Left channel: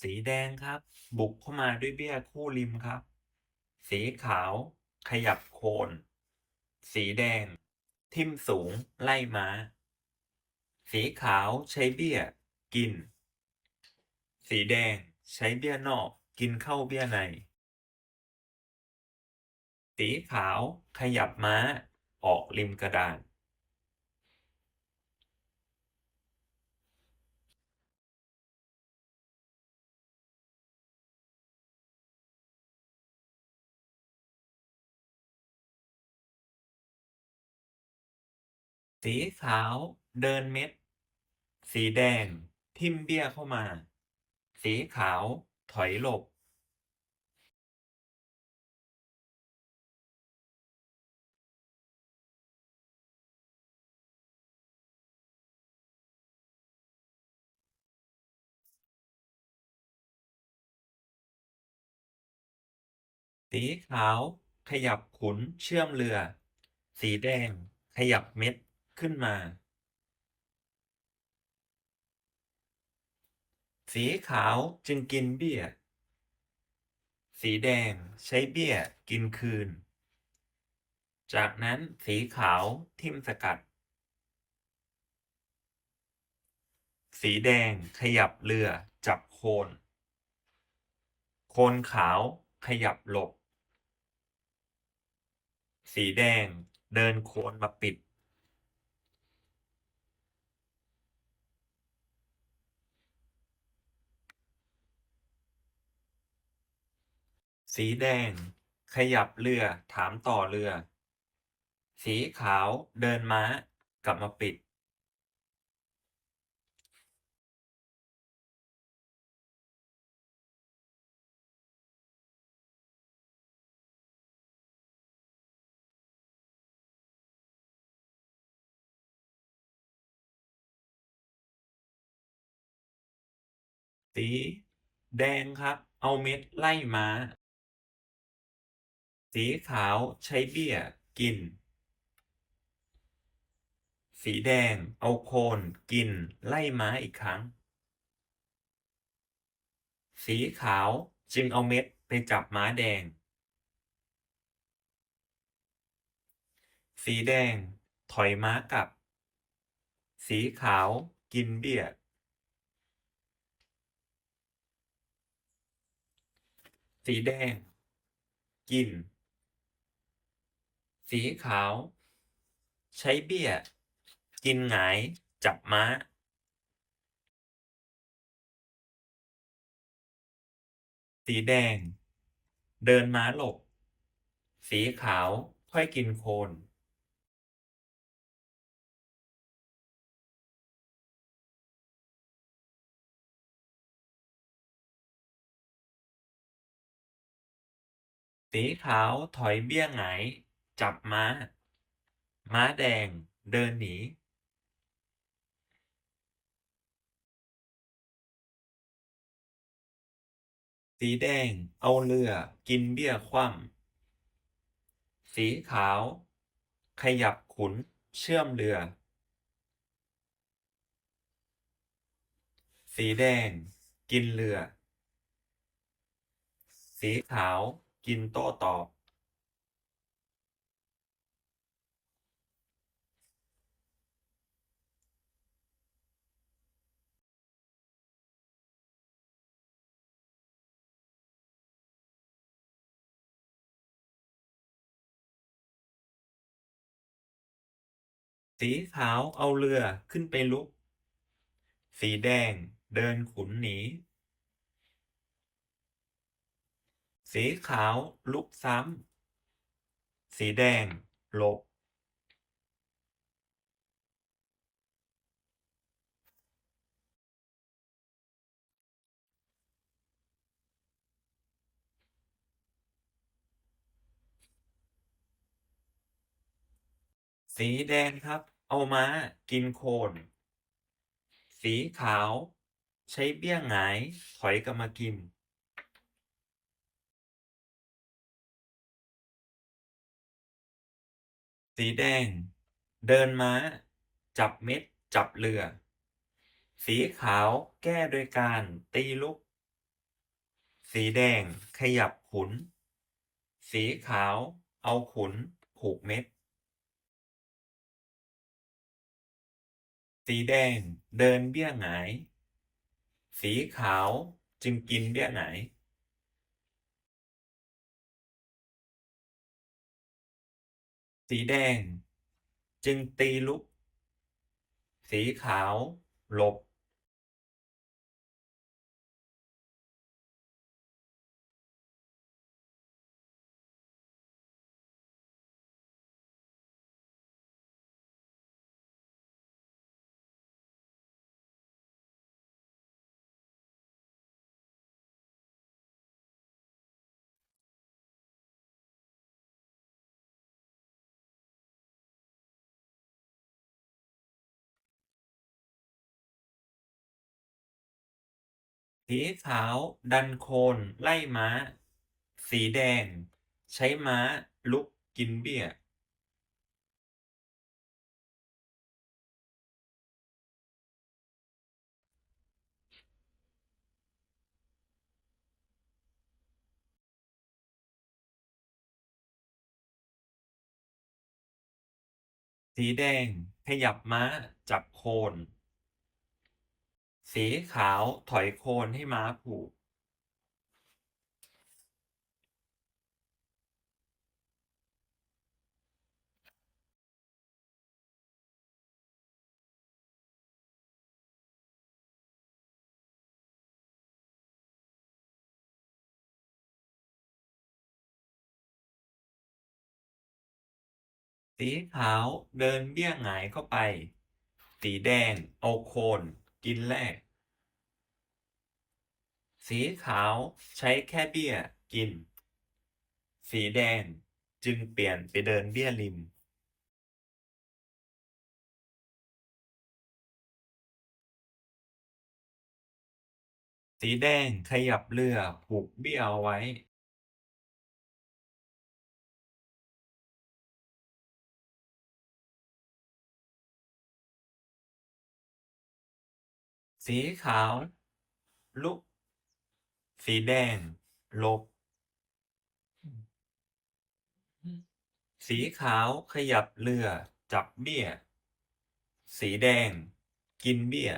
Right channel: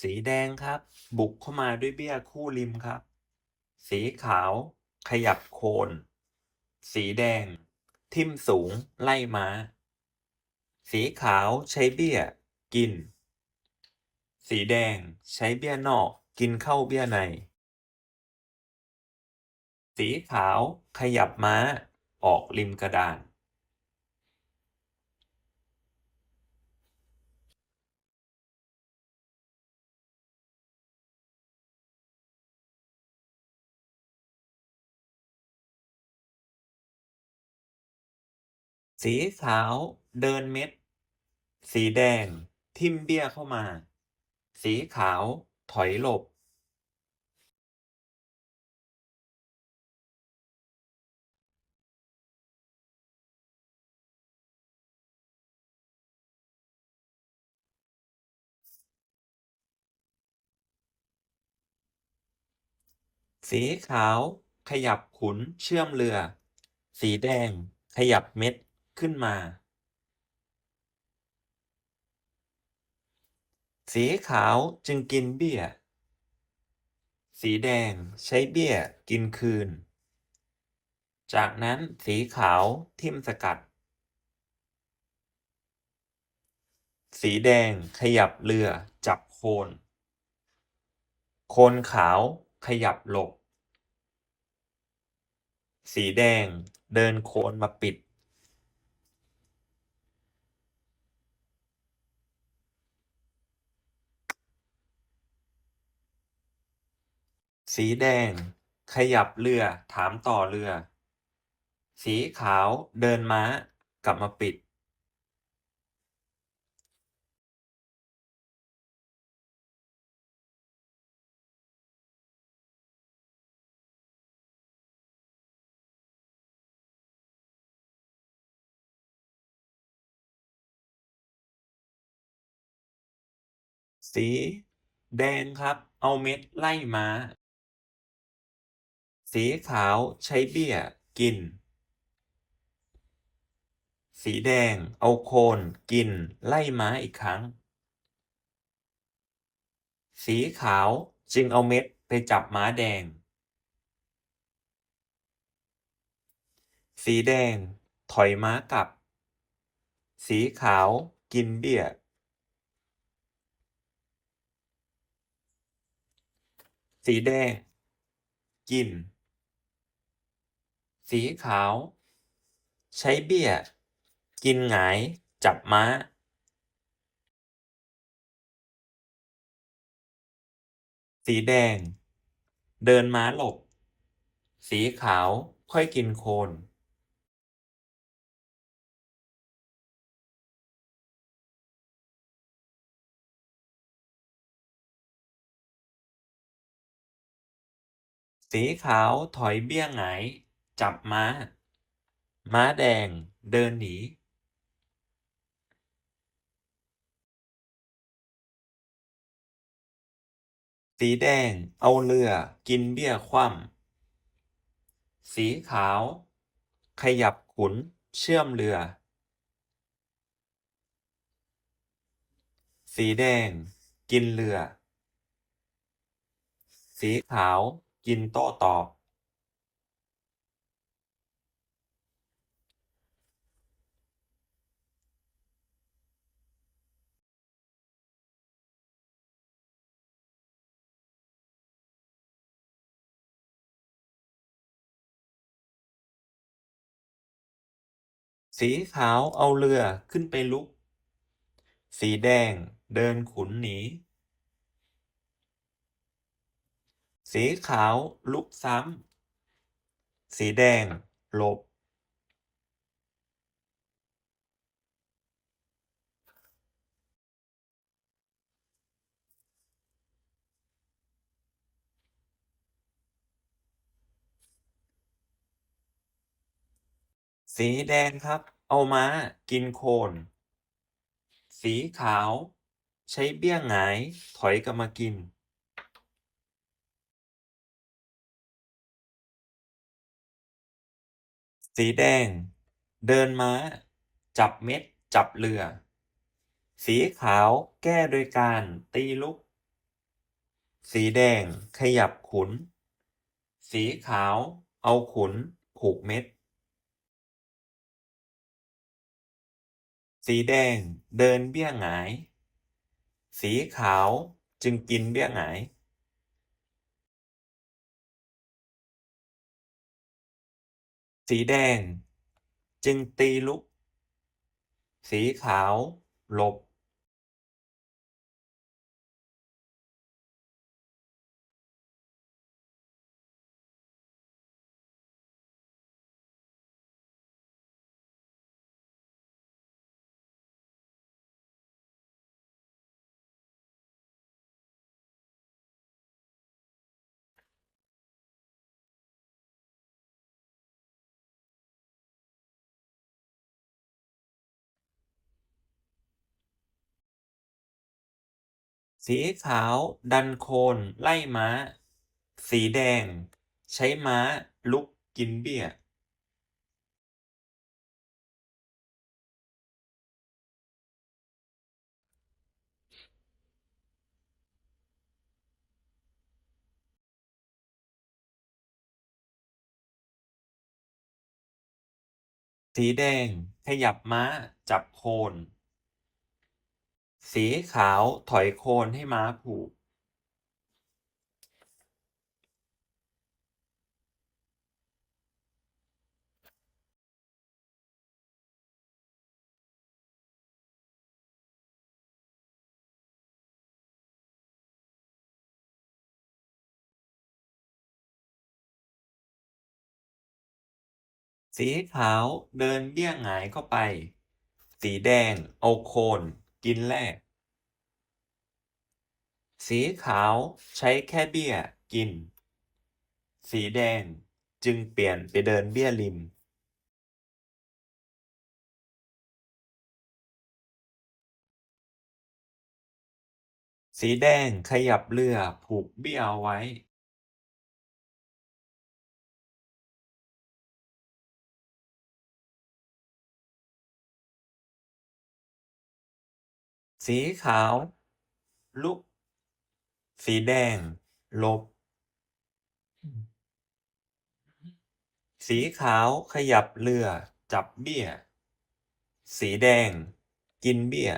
สีแดงครับ บุกเข้ามาด้วยเบี้ยคู่ริมครับ สีขาว ขยับโคน สีแดง ทิ่มสูง ไล่ม้า สีขาวใช้เบี้ย กิน สีแดงใช้เบี้ยนอก กินเข้าเบี้ยใน สีขาว ขยับม้า ออกริมกระดาน สีขาว เดินเม็ด สีแดง ทิมเบี้ยเข้ามา สีขาว ถอยหลบ สีขาว ขยับขุนเชื่อมเรือ สีแดง ขยับเม็ด ขึ้นมา สีขาวจึงกินเบี้ย สีแดงใช้เบี้ยกินคืน จากนั้นสีขาวทิ่มสกัด สีแดงขยับเรือจับโคน โคนขาวขยับหลบ สีแดงเดินโคนมาปิด สีแดง ขยับเรือ ถามต่อเรือ สีขาวเดินม้า กลับมาปิด สีแดงครับ เอาเม็ดไล่ม้า สีขาวใช้เบี้ยกิน สีแดงเอาโคนกินไล่ม้าอีกครั้ง สีขาวจึงเอาเม็ดไปจับม้าแดง สีแดงถอยม้ากลับ สีขาวกินเบี้ย สีแดงกิน สีขาว ใช้เบี้ย กินหงาย จับม้าสีแดง เดินม้าหลบ สีขาวค่อยกินโคน สีขาวถอยเบี้ยหงาย จับม้า ม้าแดง เดินหนี สีแดง เอาเรือ กินเบี้ยคว่ำสีขาว ขยับขุน เชื่อมเรือ สีแดง กินเรือ สีขาว กินโต้ตอบ สีขาวเอาเรือขึ้นไปลุก สีแดงเดินขุนหนี สีขาวลุกซ้ำ สีแดงหลบ สีแดงครับ เอาม้ากินโคน สีขาว ใช้เบี้ยหงาย ถอยกลับมากิน สีแดง เดินม้า จับเม็ด จับเรือ สีขาวแก้โดยการตีลุก สีแดงขยับขุน สีขาว เอาขุนผูกเม็ด สีแดงเดินเบี้ยหงาย สีขาวจึงกินเบี้ยหงาย สีแดงจึงตีลุก สีขาวหลบ สีขาว ดันโคนไล่ม้า สีแดง ใช้ม้า ลุกกินเบี้ยสีแดงขยับม้า จับโคน สีขาวถอยโคนให้ม้าผูก สีขาวเดินเบี้ยหงายเข้าไป สีแดงเอาโคน กินแลกสีขาวใช้แค่เบี้ยกิน สีแดงจึงเปลี่ยนไปเดินเบี้ยริม สีแดงขยับเรือผูกเบี้ยเอาไว้ สีขาว ลุก สีแดงหลบ สีขาวขยับเรือ จับเบี้ย สีแดง กินเบี้ย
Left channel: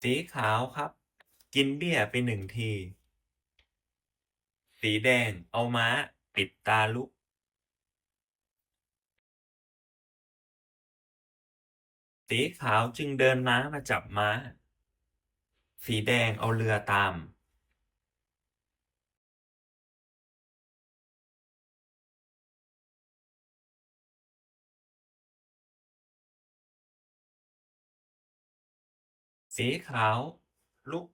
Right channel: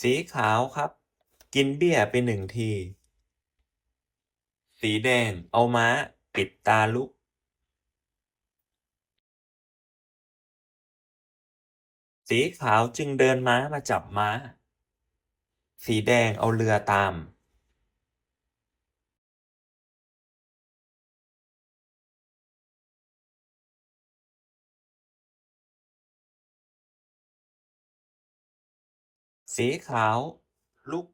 สีขาวครับ กินเบี้ยไปหนึ่งที สีแดงเอาม้า ปิดตาลุก สีขาวจึงเดินม้ามาจับม้า สีแดงเอาเรือตาม สีขาวลุก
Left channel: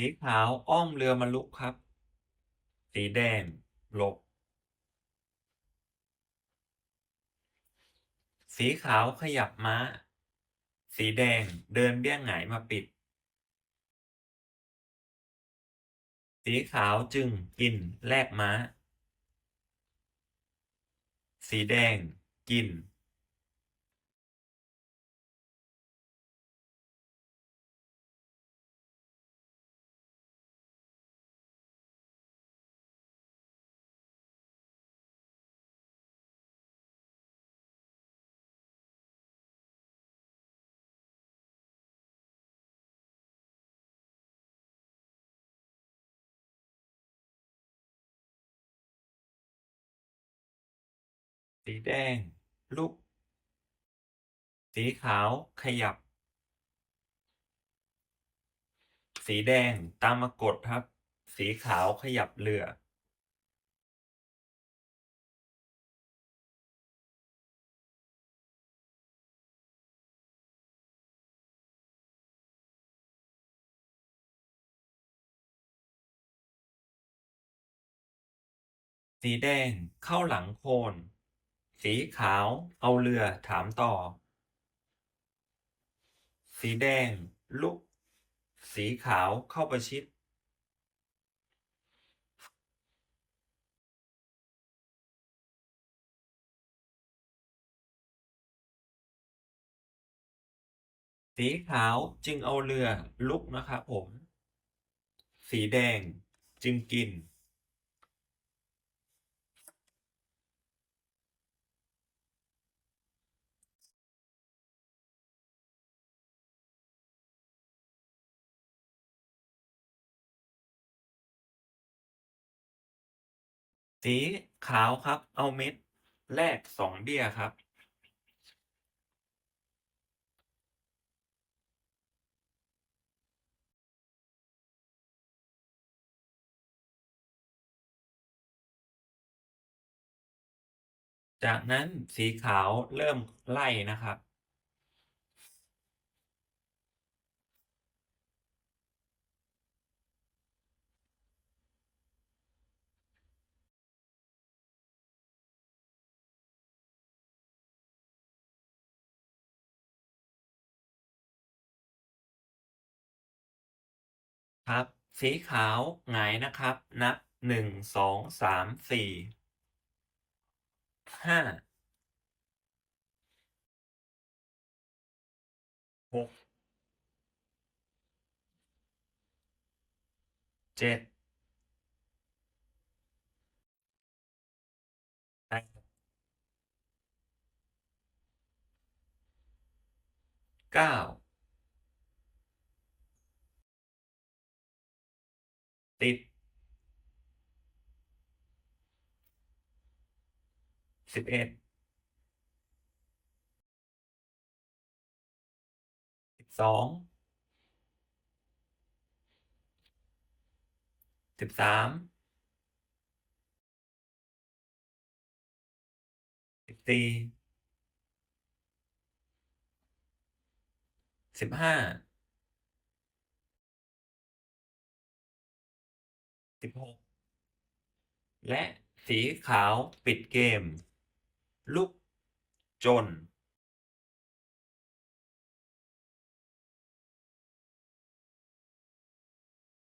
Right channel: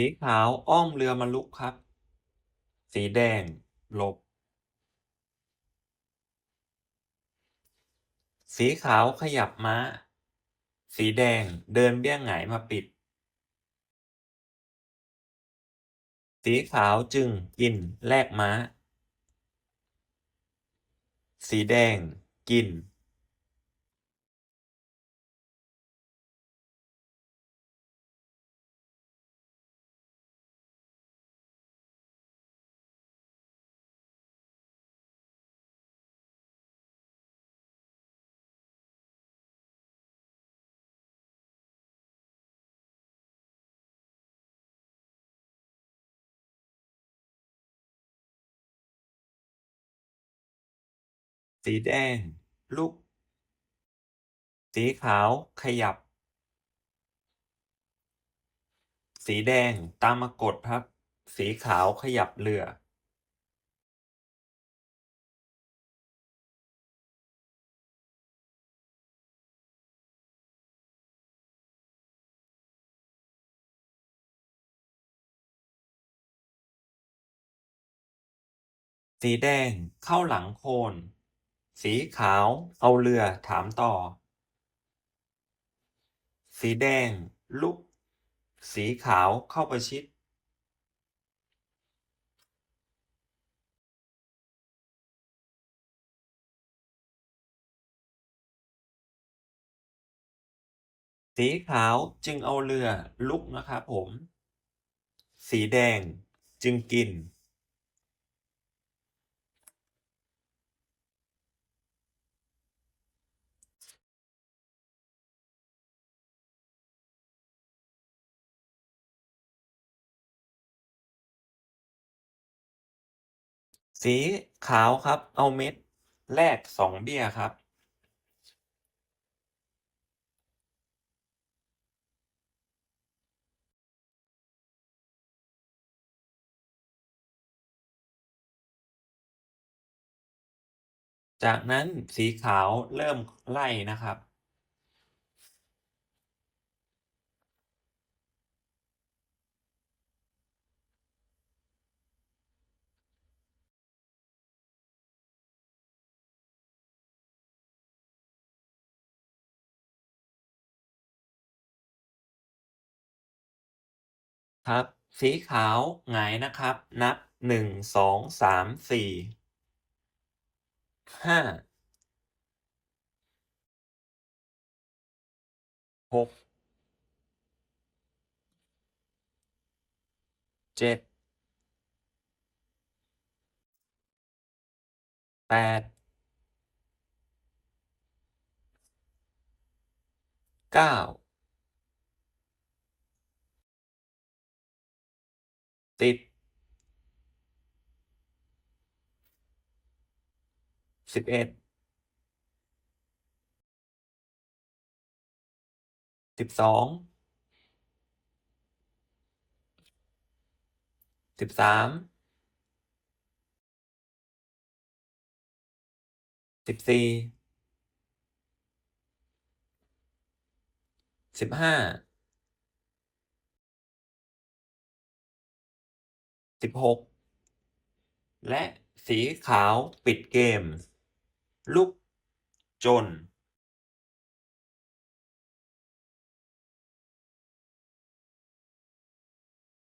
สีขาวอ้อมเรือมาลุกครับ สีแดงหลบ สีขาวขยับม้า สีแดงเดินเบี้ยหงายมาปิด สีขาวจึงกินแลกม้า สีแดงกิน สีแดง ลุก สีขาวขยับ สีแดงตามมากดครับ สีขาวขยับเรือ สีแดงเข้าหลังโคน สีขาว เอาเรือถามต่อ สีแดง ลุก สีขาวเข้าประชิด สีขาวจึงเอาเรือลุกนะครับผม สีแดงจึงกิน สีขาวครับ เอาเม็ดแรกสองเบี้ยครับ จากนั้นสีขาวเริ่มไล่นะครับ ครับ สีขาวหงายนะครับ นับหนึ่งสองสามสี่ห้าหกเจ็ดแปดเก้า สิบสิบเอ็ดสิบสองสิบสามสิบสี่สิบห้า สิบหกและสีขาวปิดเกม ลูกจน